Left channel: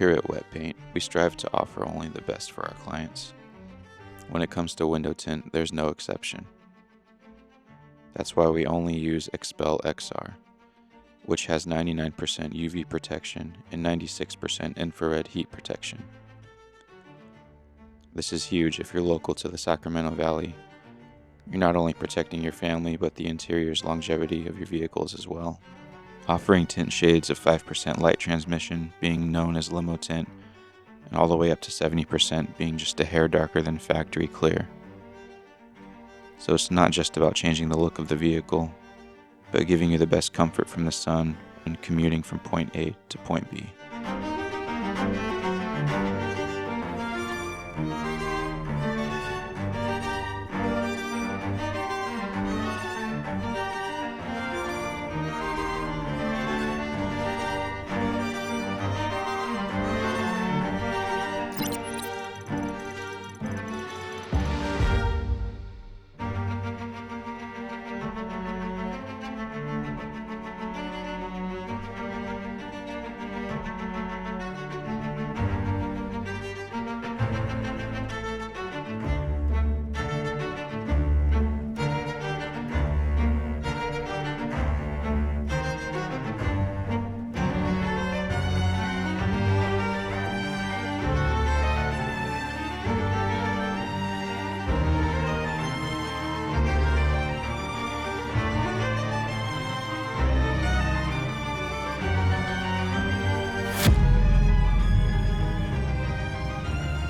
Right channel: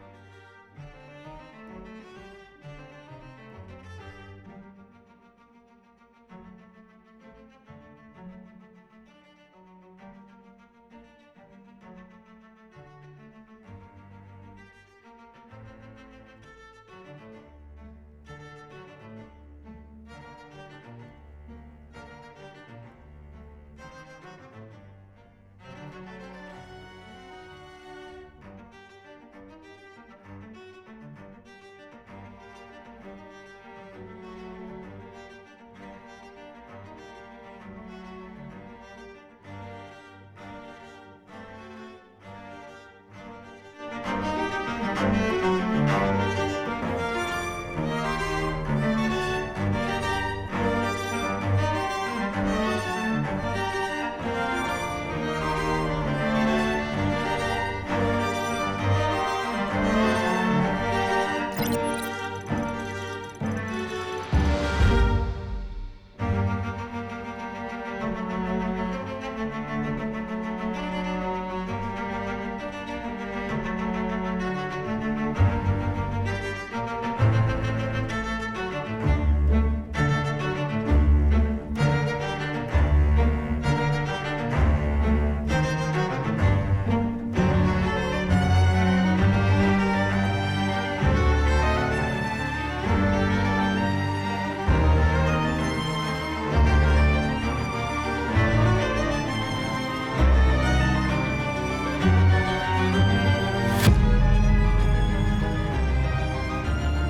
Here at Wet Paint, we strive to offer only the best for our clients. When it comes to window tint, there's no exception. That's why we only use Expel XR, which has 99% UV protection and 96% infrared heat protection. This is huge if you're local to the Sacramento Valley. You're not only protecting your family, but the interior's longevity of your vehicles as well. Offering tint shades of 5% light transmission, being known as limo tint, and all the way up to 70% being just a hair darker than factory clear. So it's not just about changing the look of the vehicle, but giving you the best comfort from the sun when commuting from point A to point B.